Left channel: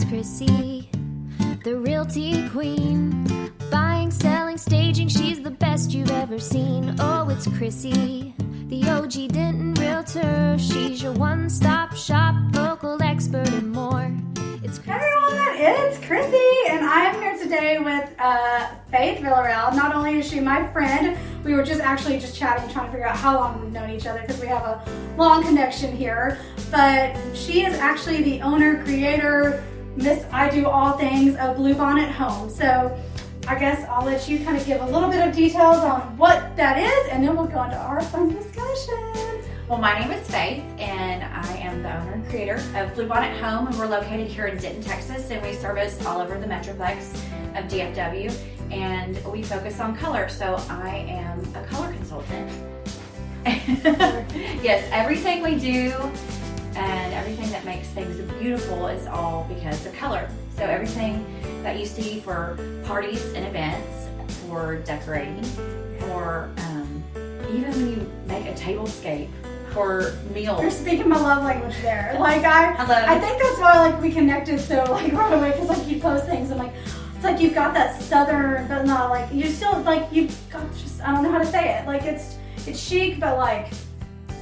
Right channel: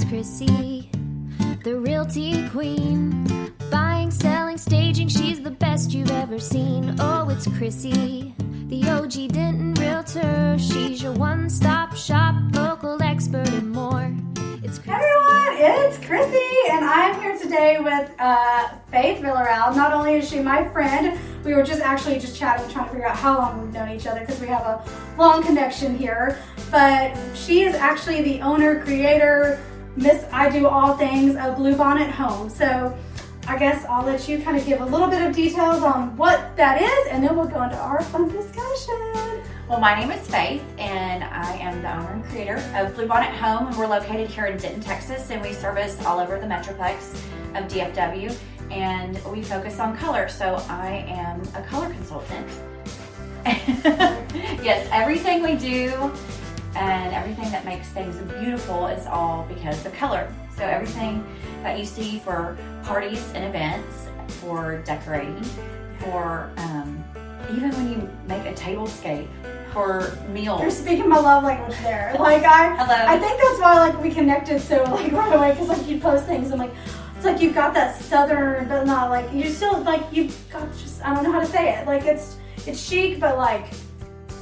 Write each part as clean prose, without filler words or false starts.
it's Chrissy, the realty queen. Buying, selling, staging, she's the best you've ever seen. Oh, it's Chrissy, the OG Denton realtor. She's your one-stop shop, local expert and more. It's Chrissy. Everyone, it's Chrissy, and I am here today with Faith Villarreal. Not only is she my friend, we were just chatting, trying to figure out how long we've known each other because we have a long connection here. But she is actually the owner, creator, Miss I Do All Things of Bluebonnet Homes. So I guess I'll let you kind of give a little bit of details on what that is, and then we'll go into our fun discussion. Well, my name is Faith, and I am the owner and creator of Bluebonnet Home, and we're located here in Denton, Texas, and we service all over the Metroplex of DFW, and we focus on color, so I am a color consultant. Yes, everything we do and everything that makes things beautiful is all because of color. So everything that you see for parties and events, for decorating, for even when you make a tablescape, for meals. You're speaking my love language there. Like I think that's why we connected so right away, because you post things and it's like you've got that southern, but not you still you've got just, I don't know how to say it. It's chic, but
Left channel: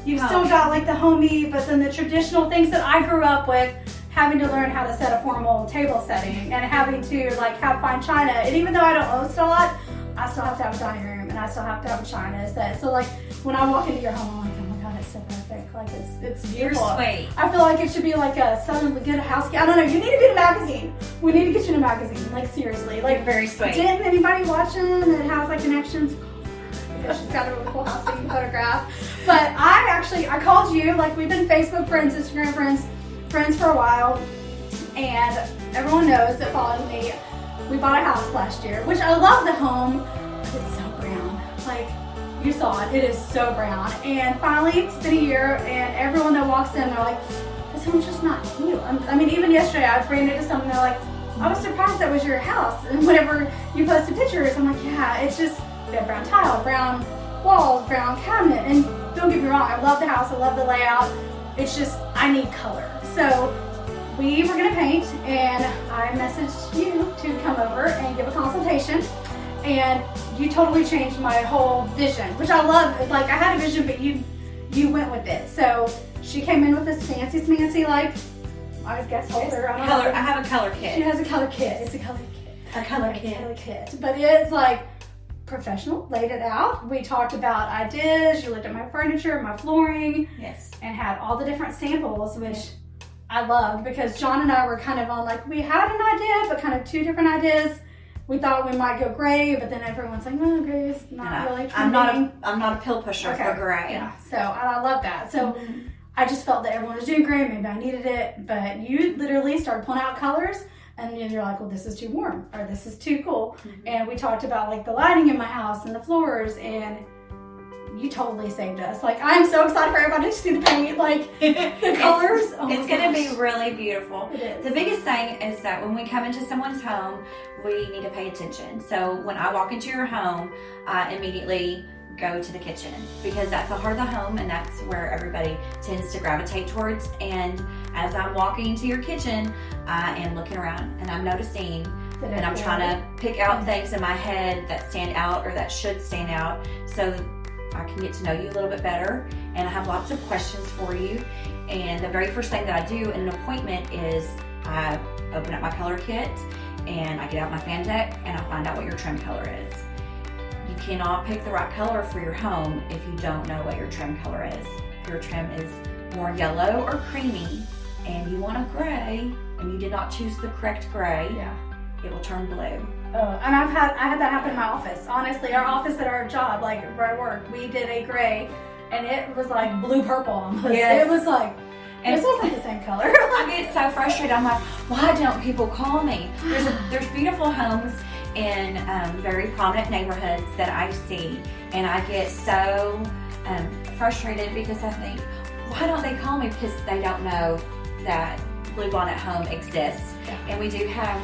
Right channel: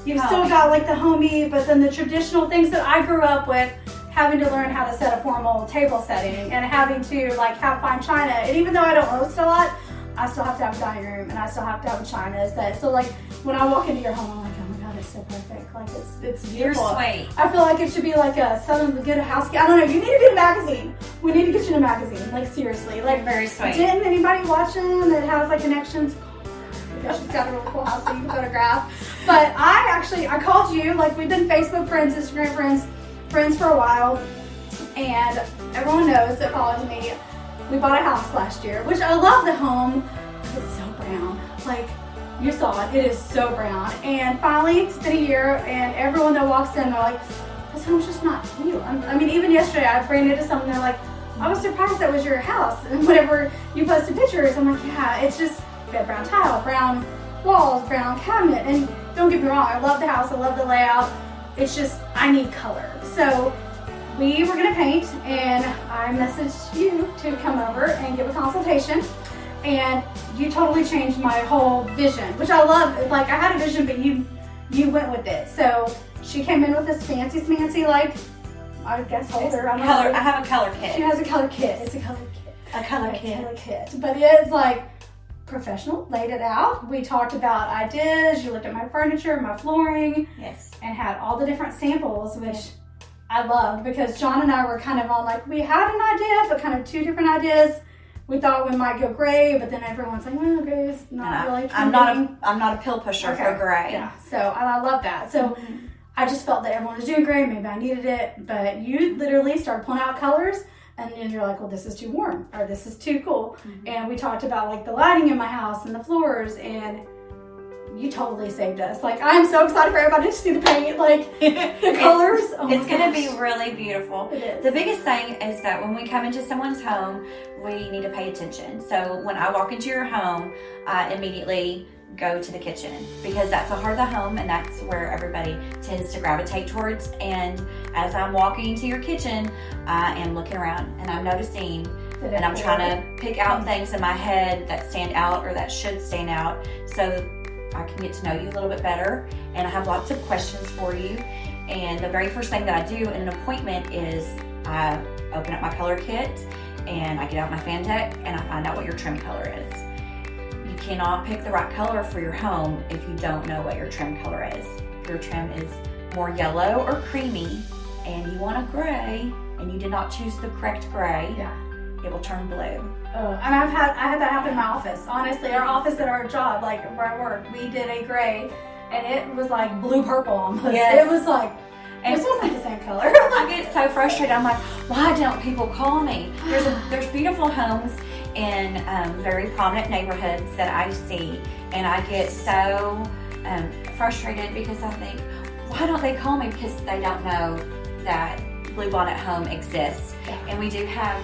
you've still got the homey, but then the traditional things that I grew up with, having to learn how to set a formal table setting and having to have fine china. And even though I don't host a lot, I still have to have a dining room and I still have to have a china set. So when I walk into your home, I'm like, oh my God, it's so perfect. It's beautiful. You're sweet. I feel like it should be a Southern Good Housekeeping. I don't know. You need to be in a magazine. We need to get you in a magazine. Seriously. You're very sweet. Didn't anybody watching that has connections? She's got a really cool housekeeping photograph. But I called you. We've been Facebook friends, Instagram friends for a while, and everyone knows that follows me. We bought a house last year, which I love the home, but it's so brown. You saw it, it is so brown. And finally, it's been a year, and everyone that walks in, they're like, this home's just not you. Even yesterday, I ran into someone, they're like, I was surprised that was your house. And whenever you posted pictures, I'm like, yeah, it's just, we have brown tile, brown walls, brown cabinet. And don't get me wrong, I love the house, I love the layout. It's just, I need color. So we were gonna paint, and I messaged you to come over and give a consultation, and you totally changed my whole vision, which I love. I had a vision, but you went with it. So she came in with this fancy smancy, I guess holder. I have a color kit. She has a color kit. It's a color kit. A color kit. But it's professional, laid it out. We talked about ideas. You looked at my furniture, my flooring. Yes. And had all the different samples, which I loved, because John and I were kind of on we had an idea, but kind of two different ideas. We thought we might go gray, but then everyone's like, well, gray is not really trending. I'm not a pill pusher for gray. Yeah, so and I love that. So I just felt that everyone was doing gray, maybe I needed it, but you literally started pulling out colors, and then you're like, well, this is too warm, or this is too cool. And we talked about the lighting in my house and the floors, and you totally saved us. I'm so excited for everybody to see the paint, the colors. It's going to be really beautiful. It is. The biggest thing is that when we come into someone's home, we need to pay attention. So when I walk into your home, I immediately go to the kitchen, because that's the heart of the home, and that's where everybody tends to gravitate towards. And as I'm walking into your kitchen, I am looking around and I'm noticing, and I'm trying to pick out things in my head that stand out or that should stand out, so I can get to know you a little bit better. And I have lots of questions for you. And the very first thing that I do in an appointment is I open up my color kit, and I get out my fan deck, and I find out what your trim color is. You cannot pick the right color for your home if you don't know what your trim color is. If your trim is more yellow or creamy, and you want a gray, and you did not choose the correct gray, it will turn blue. Oh, and I had that happen in my office. Honestly, our office at our job, where I work, we did a gray, and it was blue purple almost. Yes. It was and this wasn't the same color. I get so frustrated. I'm like, why don't people call me? There's beautiful homes in very prominent neighborhoods that I see, and I get so frustrated, because I think, why don't they call me? Because they don't know that Bluebonnet Home exists. And we do have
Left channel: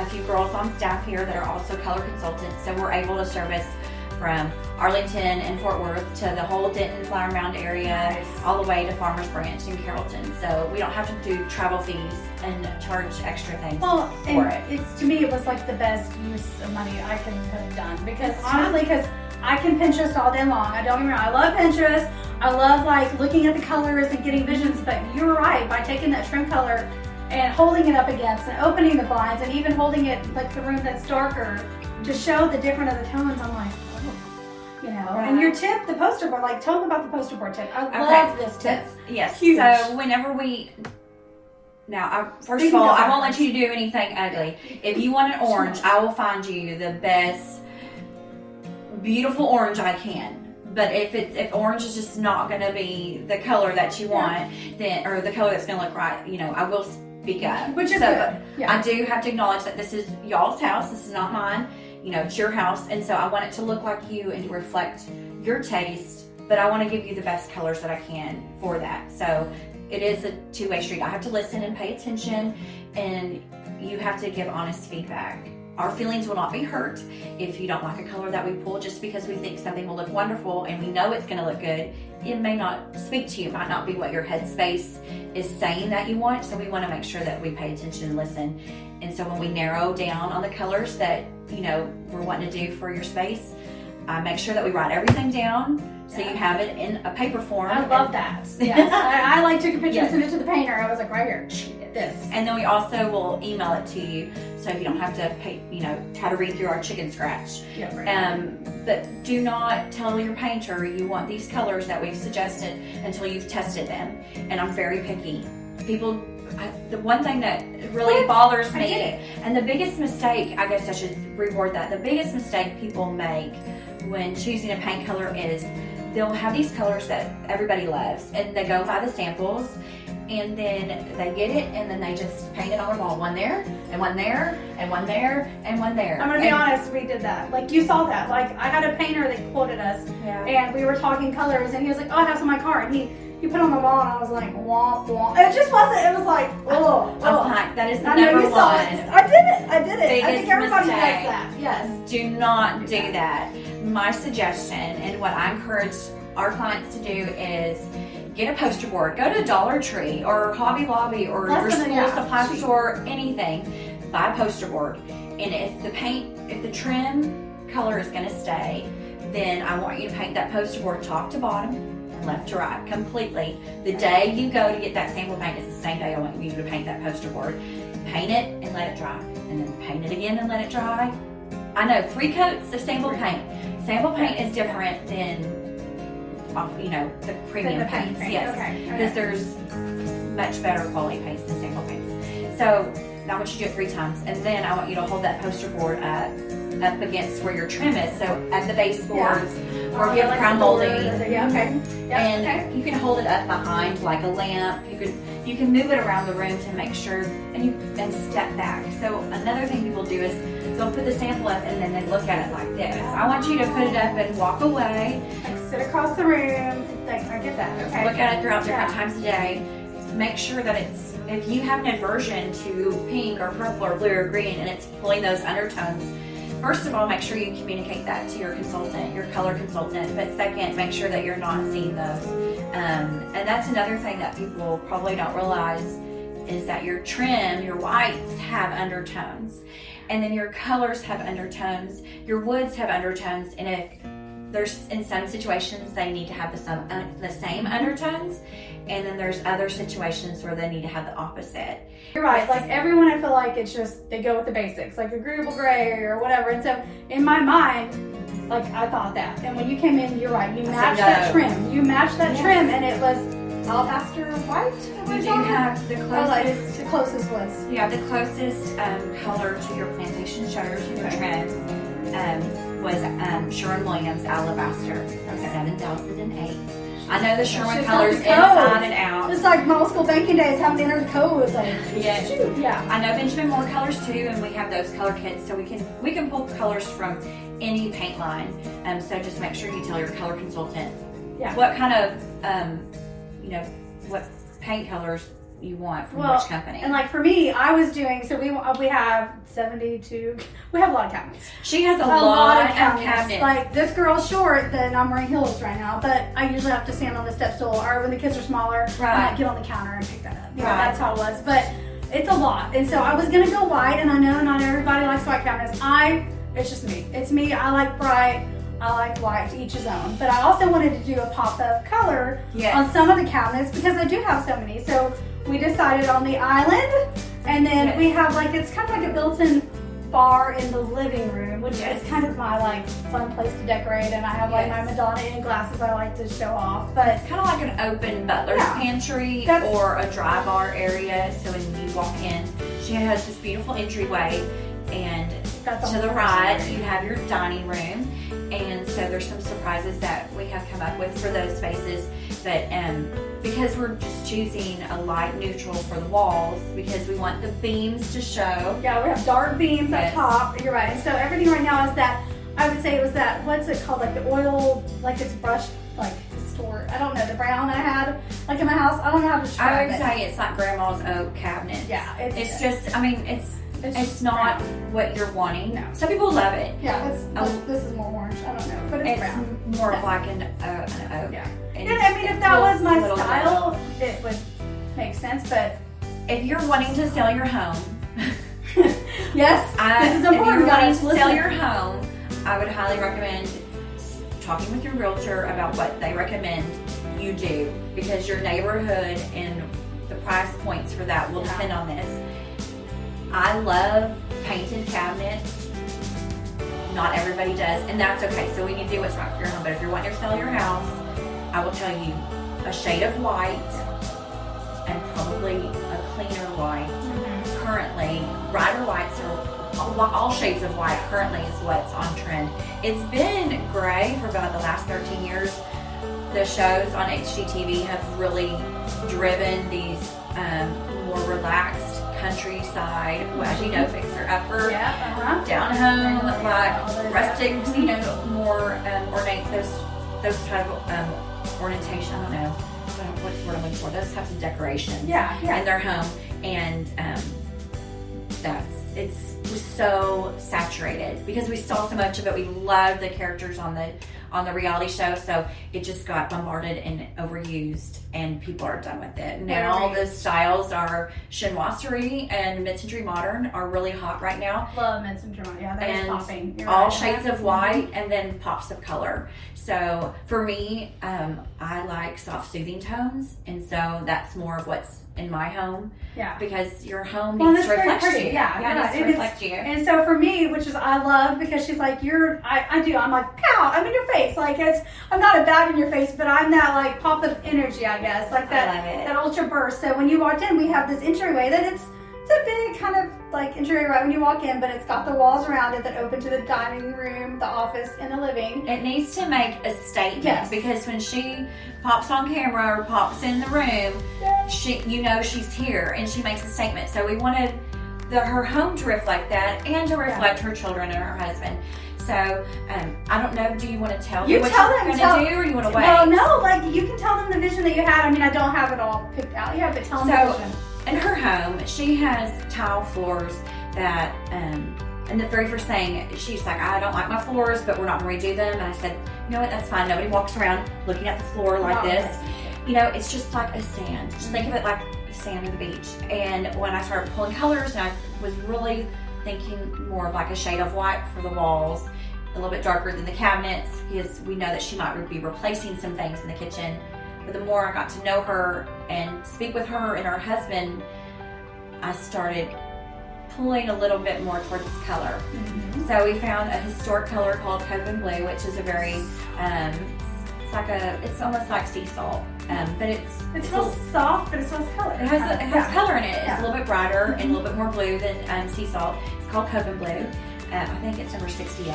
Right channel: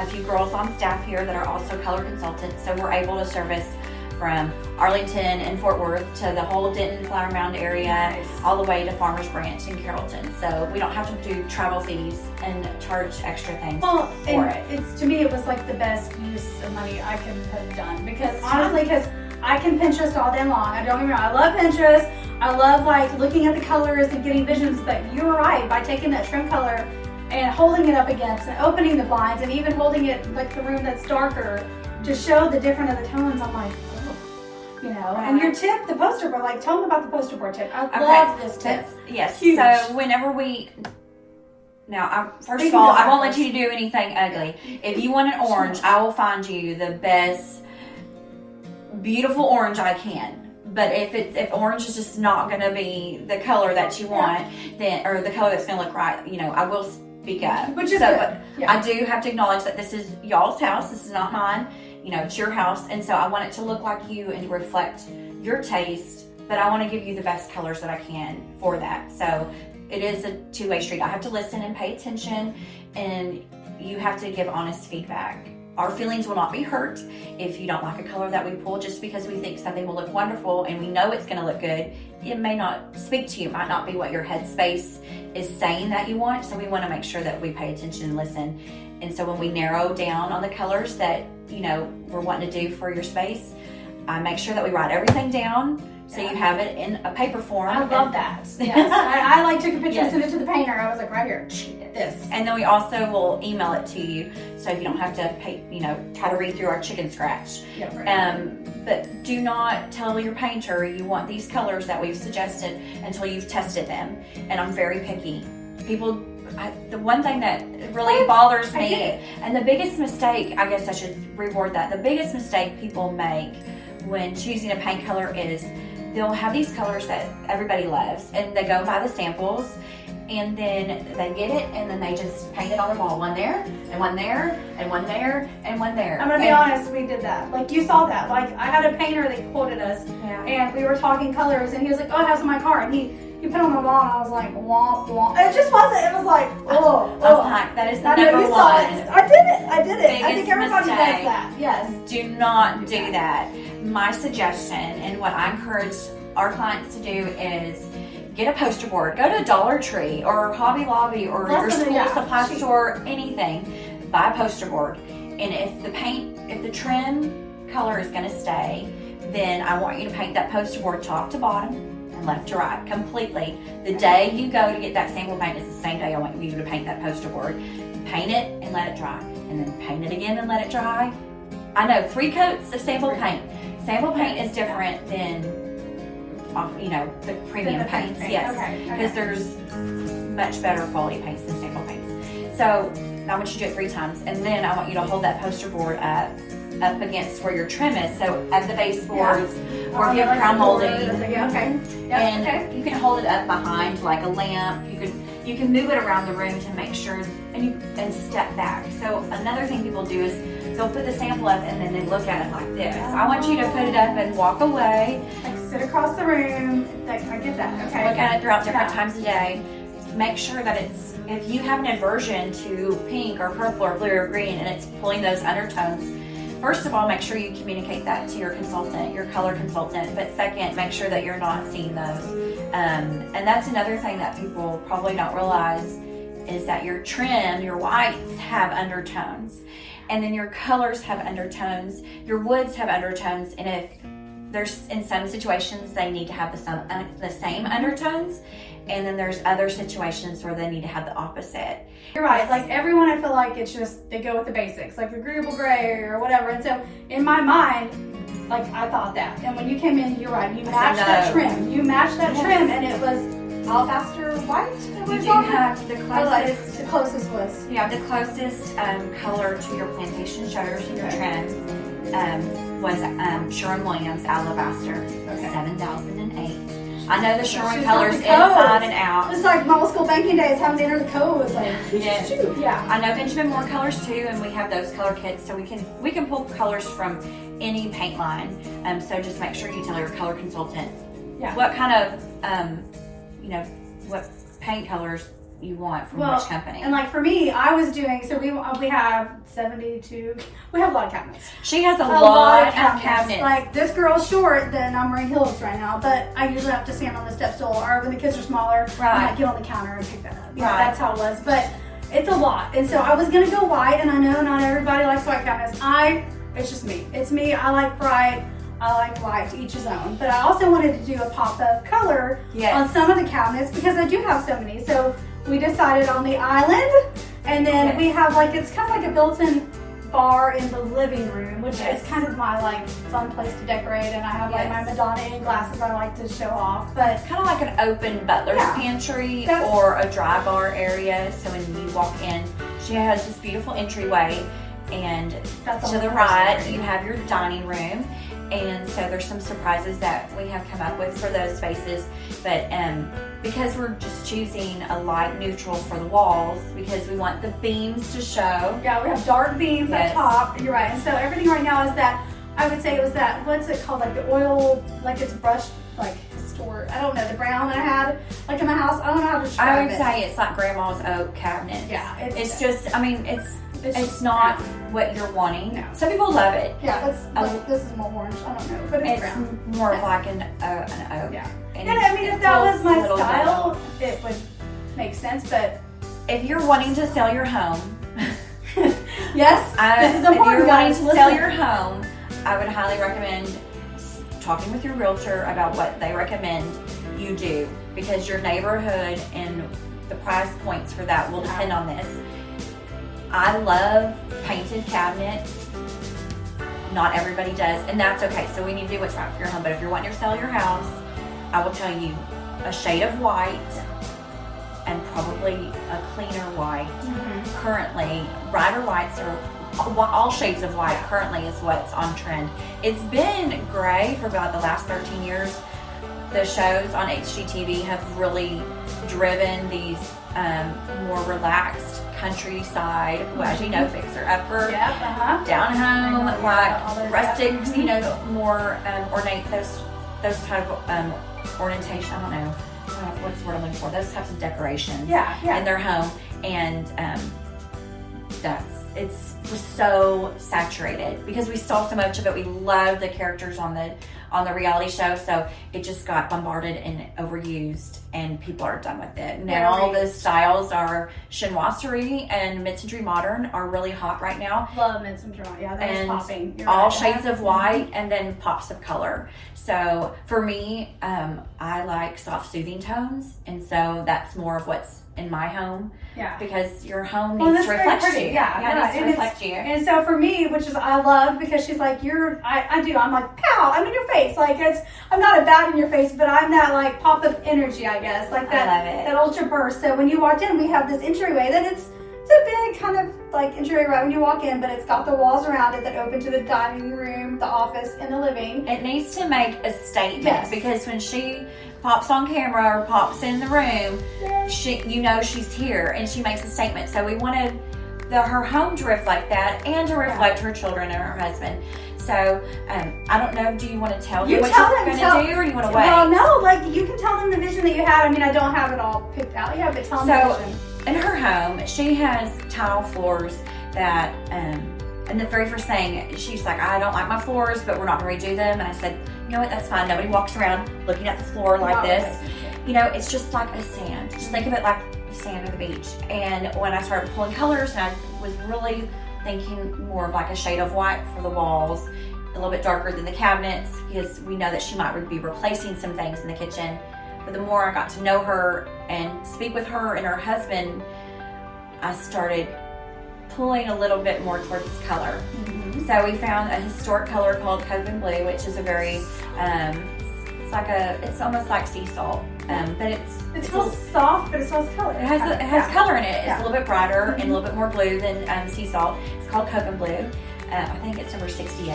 a few girls on staff here that are also color consultants, so we're able to service from Arlington and Fort Worth to the whole Denton Flower Mound area, Nice. all the way to Farmers Branch in Carrollton. So we don't have to do travel fees and charge extra things Well, for and it. it's, to me, it was like the best use of money I could have done, because honestly, because I can Pinterest all day long. I don't get me wrong, I love Pinterest. I love like looking at the colors and getting visions, but you're right, by taking that trim color and holding it up against and opening the blinds and even holding it like the room that's darker to show the different of the tones, I'm like, oh, you know. And your tip, the poster board, like tell them about the poster board tip. I love this tip. Yes. Huge. So whenever we, now, first You of can all, go I won't let backwards. you do anything ugly. If you want an orange, I will find you the best, beautiful orange I can. But if orange is just not going to be the color that you want, then, or the color that's going to look right, you know, I will speak up. Which is So, good. but Yeah. I do have to acknowledge that this is y'all's house. This is not mine. You know, it's your house, and so I want it to look like you and to reflect your taste. But I want to give you the best colors that I can for that. So it is a two-way street. I have to listen and pay attention, and you have to give honest feedback. Our feelings will not be hurt if you don't like a color that we pull just because we think something will look wonderful and we know it's going to look good. It may not speak to you. It might not be what your headspace is saying that you want. So we want to make sure that we pay attention and listen. And so when we narrow down on the colors that, you know, we're wanting to do for your space, I make sure that we write everything down so you have it in a paper form. I love that. Yes. I like took a picture and Yes. sent it to the painter. I was like, right here, this. And then we also will email it to you so you don't have to pay, you know, try to read through our chicken scratch. Yeah, right. But do not tell your painter you want these colors that we've suggested until you've tested them. And I'm very picky. The one thing that really bothers I me, get it. and the biggest mistake, I guess I should reword that, the biggest mistake people make when choosing a paint color is they'll have these colors that everybody loves and they go buy the samples and then they get it and then they just paint it on the wall, one there and one there and one there and one there. I'm gonna be honest, we did that. Like you saw that. Like I had a painter that quoted us, Yeah. and we were talking colors, and he was like, "Oh, I have some in my car," and he put it on the wall, and I was like, "Womp womp." It just wasn't. It was like, oh, I was like, that is the I know number you saw one. it. I did it. I did it. I Biggest think everybody mistake. does that. Yes. Do not do that. My suggestion and what I encourage our clients to do is get a poster board. Go to Dollar Tree or Hobby Lobby or your Less than- school yeah. supply store, anything. Buy a poster board. And if the trim color is going to stay, then I want you to paint that poster board top to bottom and left to right completely. The day you go to get that sample paint is the same day I want you to paint that poster board. Paint it and let it dry. And then paint it again and let it dry. I know 3 coats of sample paint. Sample paint is different than, you know, the premium The paint paints. paint, Yes, okay, because there's much better quality paints than sample paints. So I want you to do it 3 times, and then I want you to hold that poster board up against where your trim is. So at the baseboards, or if you have crown molding, Yeah. Okay. Yeah. and Okay. you can hold it up behind like a lamp. You can move it around the room to make sure, and step back. So another thing people do is they'll put the sample up and then they look at it like this. I want you to put it up and walk away. Like sit across the room. Like I get that. Okay. Look at it throughout different Yeah. times a day. Make sure that if you have an aversion to pink or purple or blue or green and it's pulling those undertones, first of all, make sure you communicate that to your consultant, your color consultant. But second, make sure that you're not seeing those. And that's another thing that people probably don't realize is that your trim, your whites have undertones. And then your colors have undertones. Your woods have undertones. And if there's, in some situations, they need to have the same undertones. And then there's other situations where they need to have the opposite. You're right. Like everyone, I feel like it's just they go with the basics, like agreeable gray or whatever. And so in my mind, like I thought that. And when you came in, you're right. You matched that trim. You matched that trim, and it was alabaster white. We do have the closest. The closest was. You have the closest color to your plantation shutters and your trim was Sherwin-Williams Alabaster, 7008. I know the Sherwin She's colors got the inside codes. and out. It's like middle school banking days, having to enter the codes. Like, Yes. yeah. I know Benjamin Moore colors too, and we have those color kits, so we can pull colors from any paint line. So just make sure you tell your color consultant Yeah. what kind of what paint colors you want from Well, which company. And like for me, I was doing, so we have 72, we have a lot of cabinets. She has a lot of cabinets. Like this girl's short, then I'm wearing heels right now, but I usually have to stand on the step stool, or when the kids are smaller, I might get on the counter and pick that up. You know, that's how it was. But it's a lot. And so I was gonna go white, and I know not everybody likes white cabinets. It's just me. It's me. I like bright. I like white, to each his own. But I also wanted to do a pop of color on some of the cabinets because I do have so many. So we decided on the island, and then we have like, it's kind of like a built-in bar in the living room, which is kind of my like fun place to decorate. And I have like my Madonna in glasses I like to show off. But it's kind of like an open butler's pantry or a dry bar area. So when you walk in, she has this beautiful entryway, and to the right you have your dining room. And so there's some surprises that we have come up with for those spaces, but because we're just choosing a light neutral for the walls, because we want the beams to show. Yeah, we have dark beams at top. You're right. And so everything right now is that, I would say it was that, what's it called, like the oil, like it's brushed, like store. I don't know, the brown that I had like in my house. I don't know how to describe it. I would say it's like grandma's oak cabinet. Yeah, it's just, I mean, it's not what you're wanting. No. Some people love it. Yeah, this is more orange. I don't know, but it's brown. More of like an oak. Yeah. And I mean, if that was my style, it would make sense. But if you're wanting to sell your home, yes, this is important. If you're wanting to sell your home, I would highly recommend talking with your realtor about what they recommend you do, because your neighborhood and the price points for that will depend on this. I love painted cabinets. Not everybody does, and that's okay. So we need to do what's right for your home. But if you're wanting to sell your house, I will tell you a shade of white and probably a cleaner white. Currently, brighter whites are all shades of white currently is what's on trend. It's been gray for about the last 13 years. The shows on HGTV have really driven these more relaxed countryside, as you know, fixer upper, down home, like rustic, you know, more ornate, those type of orientation. I don't know what's the word I'm looking for. Those types of decorations in their home, and it's just so saturated because we saw so much of it. We loved the characters on the reality show, so it just got bombarded and overused, and people are done with it. Now the styles are chinoiserie and mid-century modern are really hot right now. Love mid-century modern, yeah, that is popping. You're all shades of white and then pops of color. So for me, I like soft soothing tones, and so that's more of what's in my home. Yeah. Because your home needs to reflect you. Yeah, it needs to reflect you. And so for me, which is I love, because she's like, I'm like, pow, I'm in your face. Like I'm not a bat in your face, but I'm that like pop of energy, I guess. Like that ultra burst. So when you walked in, we have this entryway that it's a big kind of like entryway right when you walk in, but it's got the walls around it that open to the dining room, the office, and the living. It needs to make a statement, because when she pops on camera or pops in the room, she's here and she makes a statement. So we wanted her home to reflect that and to reflect her children and her husband. So I don't know. Do you want to tell them what you're going to do, or you want to wait? Well, no. Like you can tell them the vision that you had. I mean, I don't have it all picked out yet, but tell them the vision. In her home, she has tile floors that, and the very first thing, she's like, I don't like my floors, but we're not going to redo them. And I said, you know what, that's fine. Nobody walks around looking at the floor like this. You know, it's just like a sand. Just think of it like sand at the beach. And when I started pulling colors, and I was really thinking more of like a shade of white for the walls, a little bit darker than the cabinets, because we know that she might be replacing some things in the kitchen. But the more I got to know her and speak with her and her husband, I started pulling a little bit more towards color. So we found a historic color called Copen Blue, which is a very, it's almost like sea salt, but it's soft, but it still has color. It has color in it. It's a little bit brighter and a little bit more blue than sea salt. It's called Copen Blue. I think it's number 68.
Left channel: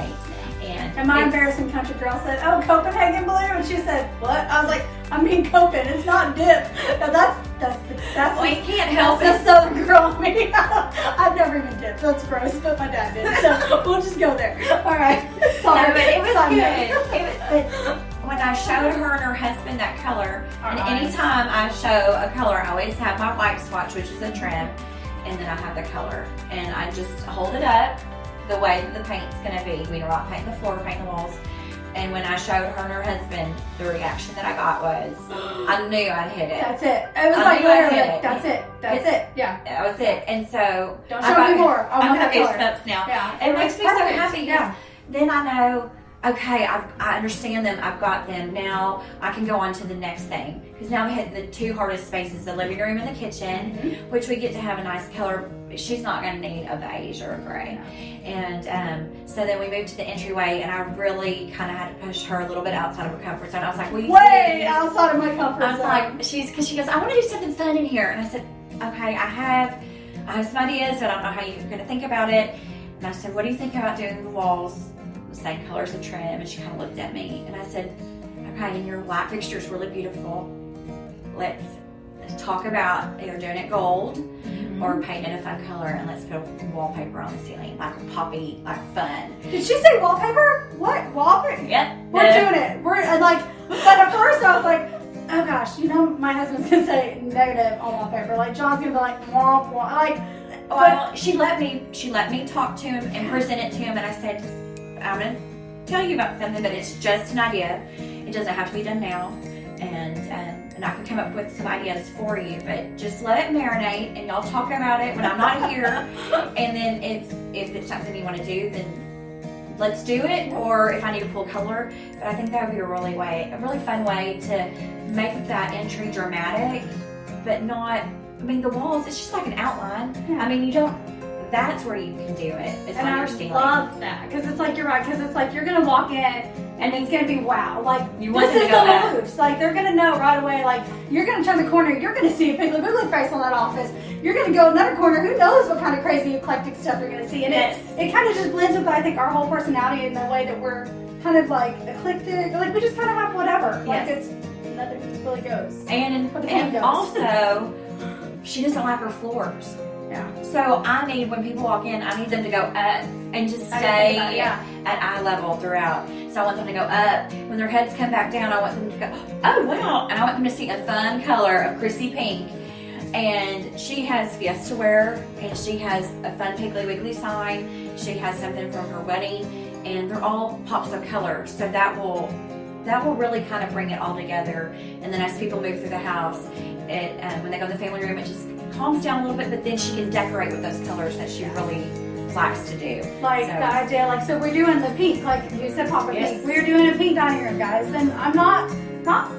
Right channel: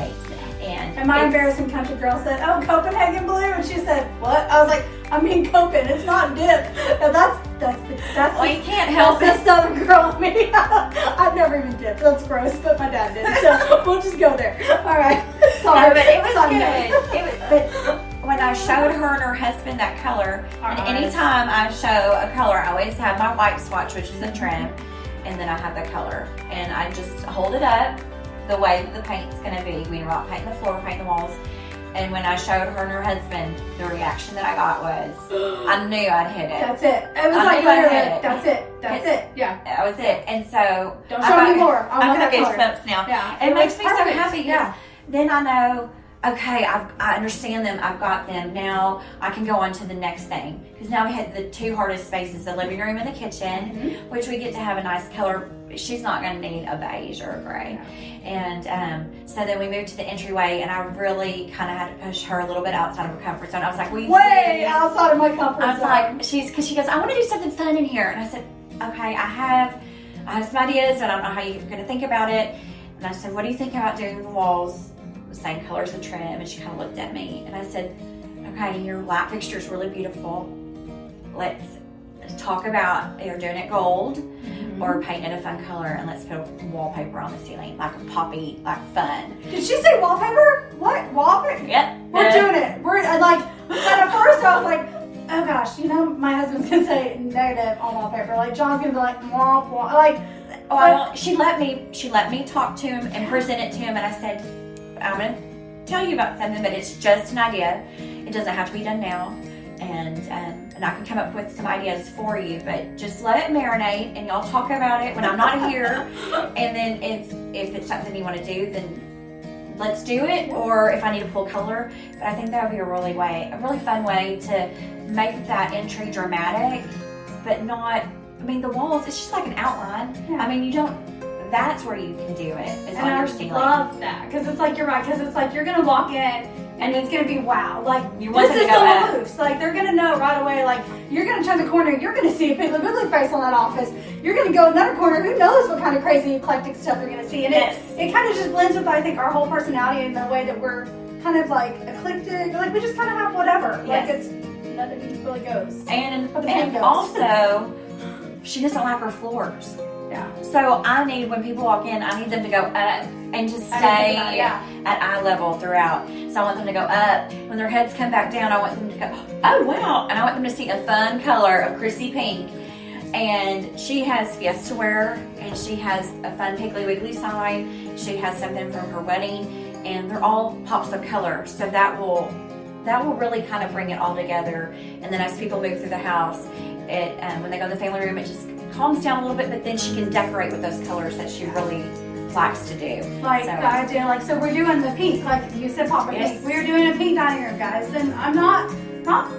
And my embarrassing country girl said, "Oh, Copenhagen blue," and she said, "What?" I was like, "I mean Copen. It's not dip." Now that's well, you can't help it. Southern girl in me. I've never even dipped. That's gross, but my dad did. So we'll just go there. All right. Sorry, but it was good. when I showed her and her husband that color, Our and eyes. anytime I show a color, I always have my white swatch, which is a trim, and then I have the color. And I just hold it up the way that the paint's gonna be. We're not painting the floor, we're painting the walls. And when I showed her and her husband, the reaction that I got was, I knew I'd hit it. That's it. It was I like knew I literally, hit it. that's it. That's it. Yeah. That was it. And so Don't show me more. I want got that color. goosebumps now. Yeah. It makes me so Perfect. happy. Yeah. Then I know, okay, I understand them. I've got them. Now I can go on to the next thing. Because now we had the two hardest spaces, the living room and the kitchen, which we get to have a nice color. She's not going to need a beige or a gray. And so then we moved to the entryway, and I really kind of had to push her a little bit outside of her comfort zone. I was like, will you Way please? outside of my comfort I was zone. like, because she goes, I want to do something fun in here. And I said, okay, I have some ideas, but I don't know how you're going to think about it. And I said, what do you think about doing the walls the same color as the trim? And she kind of looked at me, and I said, okay, and your light fixture is really beautiful. Let's talk about either doing it gold or painting a fun color, and let's put a wallpaper on the ceiling, like a poppy, like fun. Did she say wallpaper? What? Wallpaper? Yep. We're doing it. We're like, but at first I was like, oh gosh, you know, my husband's gonna say negative on wallpaper. Like John's gonna be like, womp, womp. Like, Well, she let me talk to him and present it to him, and I said, I'm gonna tell you about something, but it's just an idea. It doesn't have to be done now, and I can come up with some ideas for you, but just let it marinate, and y'all talk about it when I'm not here. And then if it's something you want to do, then let's do it. Or if I need to pull color, but I think that would be a really fun way to make that entry dramatic, but not. I mean, the walls, it's just like an outline. Yeah. I mean, you don't. That's where you can do it. Is and on I your ceiling. love that because it's like you're right because it's like you're gonna walk in and it's gonna be wow. Like You want this them is to go up. the roofs. Like they're gonna know right away. Like you're gonna turn the corner, you're gonna see a Piggly Wiggly face on that office. You're gonna go another corner. Who knows what kind of crazy eclectic stuff you're gonna see? And it kind of just blends with I think our whole personality and the way that we're kind of like eclectic. Like we just kind of have whatever. Like Yes. it's nothing really goes. And But the paint goes. also, she doesn't like her floors. Yeah. So I need, when people walk in, I need them to go up and just I didn't stay think about it, yeah. at eye level throughout. So I want them to go up. When their heads come back down, I want them to go, oh wow. And I want them to see a fun color of Chrissy Pink. And she has Fiesta wear, and she has a fun Piggly Wiggly sign. She has something from her wedding, and they're all pops of color. So that will really kind of bring it all together. And then as people move through the house, when they go to the family room, it just calms down a little bit, but then she can decorate with those colors that she really likes to do. Like So- the idea, like so we're doing the pink, like you said, popper Yes. pink. We're doing a pink dining room, guys. And I'm not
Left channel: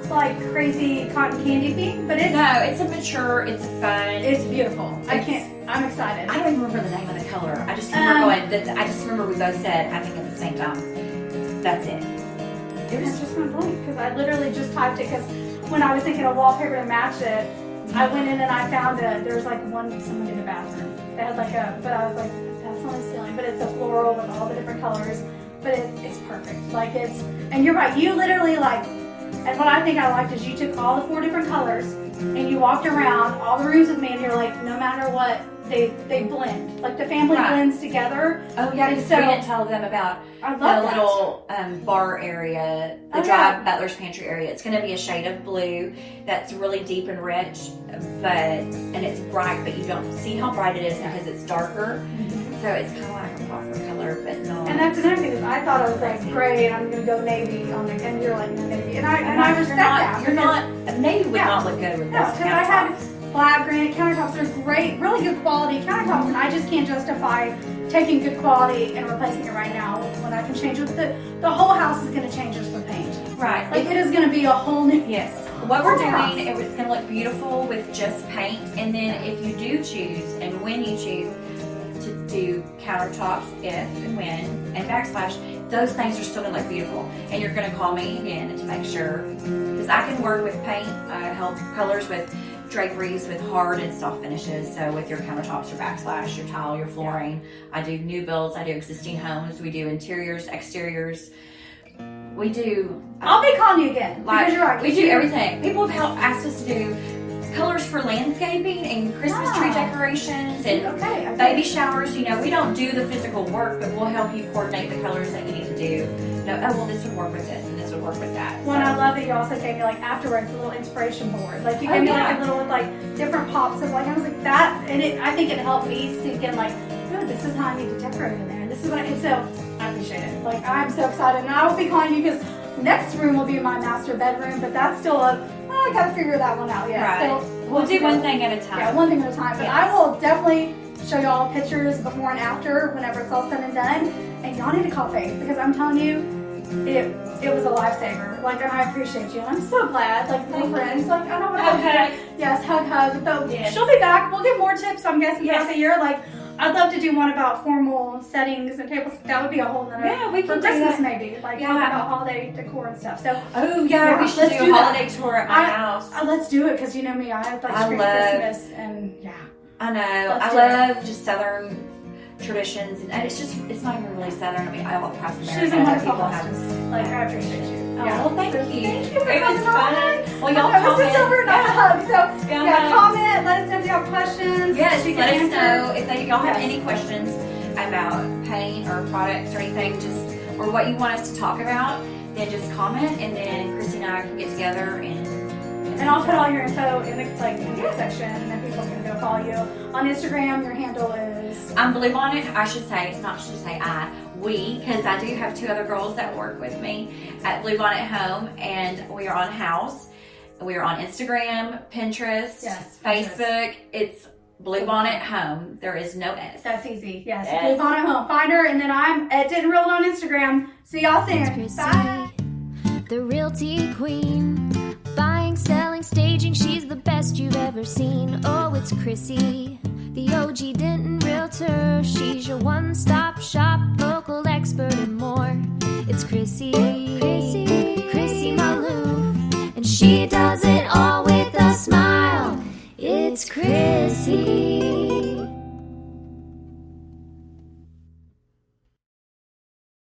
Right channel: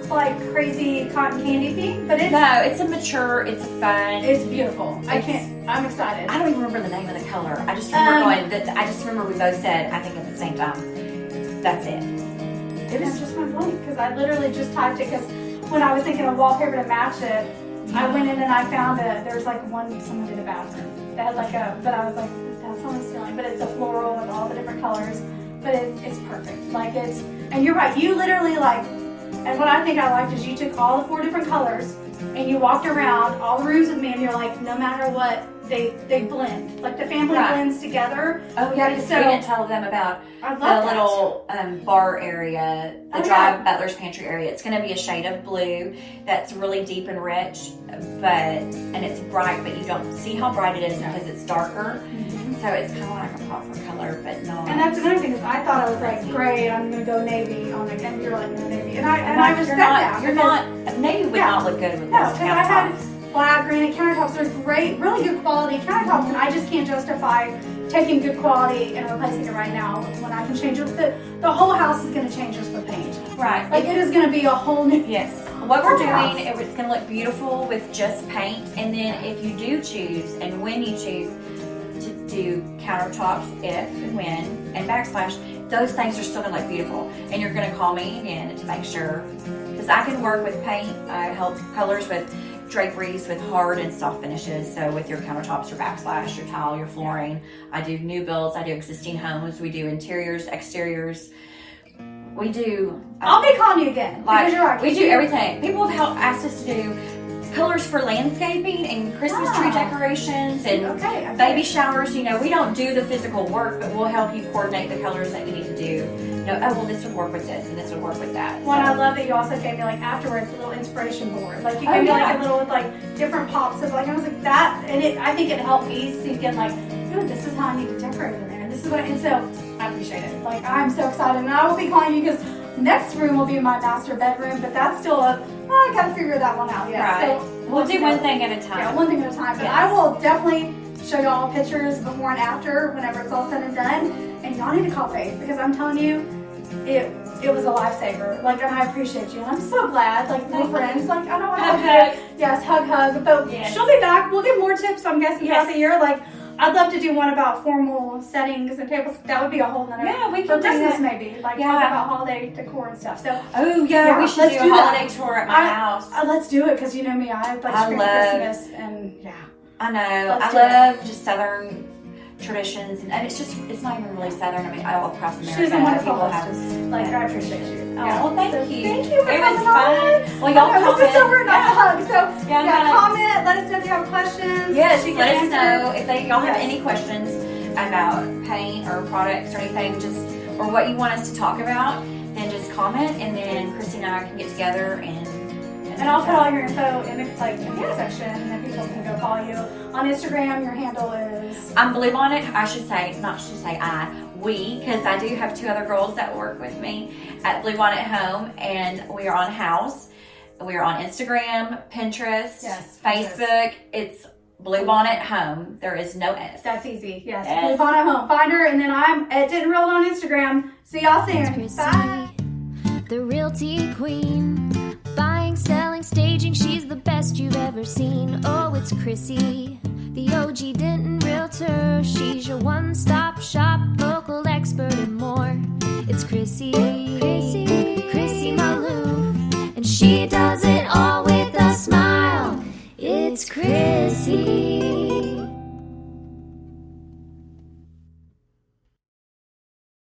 like crazy cotton candy pink, but it's No, it's a mature, it's fun. it's beautiful. I'm excited. I don't even remember the name of the color. I just remember I just remember we both said, I think at the same time, that's it. It was just my blank because I literally just typed it because when I was thinking of wallpaper to match it, I went in and I found there's like someone in the bathroom that had like but I was like, that's not the ceiling, but it's a floral and all the different colors, but it's perfect. Like and you're right, you literally like, and what I think I liked is you took all the 4 different colors and you walked around all the rooms with me and you're like, no matter what, they blend. Like the family Right. blends together. Oh yeah, because So- we didn't tell them about I love the that. little bar area, the Oh, dry yeah. butler's pantry area. It's going to be a shade of blue that's really deep and rich, and it's bright, but you don't see how bright it is because it's darker. So it's kind of like a copper color, but no. And that's another thing is I thought I was like, great, I'm gonna go navy on it, and you're like navy, and I respect that. You're not. Maybe would Yeah. not look good with No, those because I had countertops. flat granite countertops. They're great, really good quality countertops, and I just can't justify taking good quality and replacing it right now when I can change it. The whole house is gonna change just with paint. Right. Like it is gonna be a whole new. Yes. What we're House. doing, it's going to look beautiful with just paint, and then if you do choose, and when you choose to do countertops, if and when, and backsplash, those things are still going to look beautiful. And you're going to call me again to make sure, because I can work with paint. I help colors with draperies, with hard and soft finishes. So with your countertops, your backsplash, your tile, your flooring. I do new builds. I do existing homes. We do interiors, exteriors. We do. I'll be calling you again Like, because you're right. we do everything. People have asked us to do colors for landscaping and Christmas tree decorations and Okay. baby showers. You know, we don't do the physical work, but we'll help you coordinate the colors that you need to do. You know, oh well, this would work with this and this would work with that. Well, So- I love that you also gave me like afterwards a little inspiration board. Like you gave me like a little with like different pops of like I was like that, and I think it helped me sink in like, oh, this is how I need to decorate in there. And this is what, and so I appreciate it. Like I'm so excited, and I will be calling you because next room will be my master bedroom, but that's still I gotta figure that one out yet. Right. So We'll do one thing at a time. Yeah, one thing at a time. But I Yes. will definitely show you all pictures before and after whenever it's all said and done. And y'all need to call Faith because I'm telling you, it was a lifesaver. Like, and I appreciate you. And I'm so glad. Like, we're friends. Like, I don't want to hug Okay. you. Yes, hug. But Yes. she'll be back. We'll get more tips, I'm guessing, throughout the year. Like, I'd love to do one about formal settings and tables. That would be a whole nother. Yeah, we for can do Christmas that. maybe. Like, Yeah. talk about holiday decor and stuff. So, Oh yeah, we should let's do do a that. holiday tour at my house. let's do it because you know me. I like I spring love- Christmas and yeah. I know. Let's do I love just Southern traditions, and it's not even really Southern. I mean, all across America. She's a wonderful people have- hostess. Like, I appreciate you. Yeah, well, thank So you. Thank you for It was coming fun. on. Well, y'all Okay, this is comment. over, not a hug. So, Yeah. comment. Let us know if you have questions. Yes, She can let us answer. know if y'all have Yes. any questions about paint or products or anything, or what you want us to talk about. Then just comment, and then Christy and I can get together And I'll put all your info in the section, and then people can go follow you on Instagram. Your handle is. I'm Bluebonnet. We, because I do have two other girls that work with me at Bluebonnet Home, and we are on House. We are on Instagram, Pinterest, Yes, Facebook. It's Bluebonnet Home. There is no S. That's easy. Yes. Yes. Live on at home. Find her, and then I'm at Didn't Real on Instagram. See y'all soon. It's Chrissy, Bye. the realty queen. Buying, selling, staging, she's the best you've ever seen. Oh, it's Chrissy, the OG Denton realtor. She's your one-stop shop, local expert and more. It's Chrissy Maloof, and she does it all with a smile. It's Chrissy.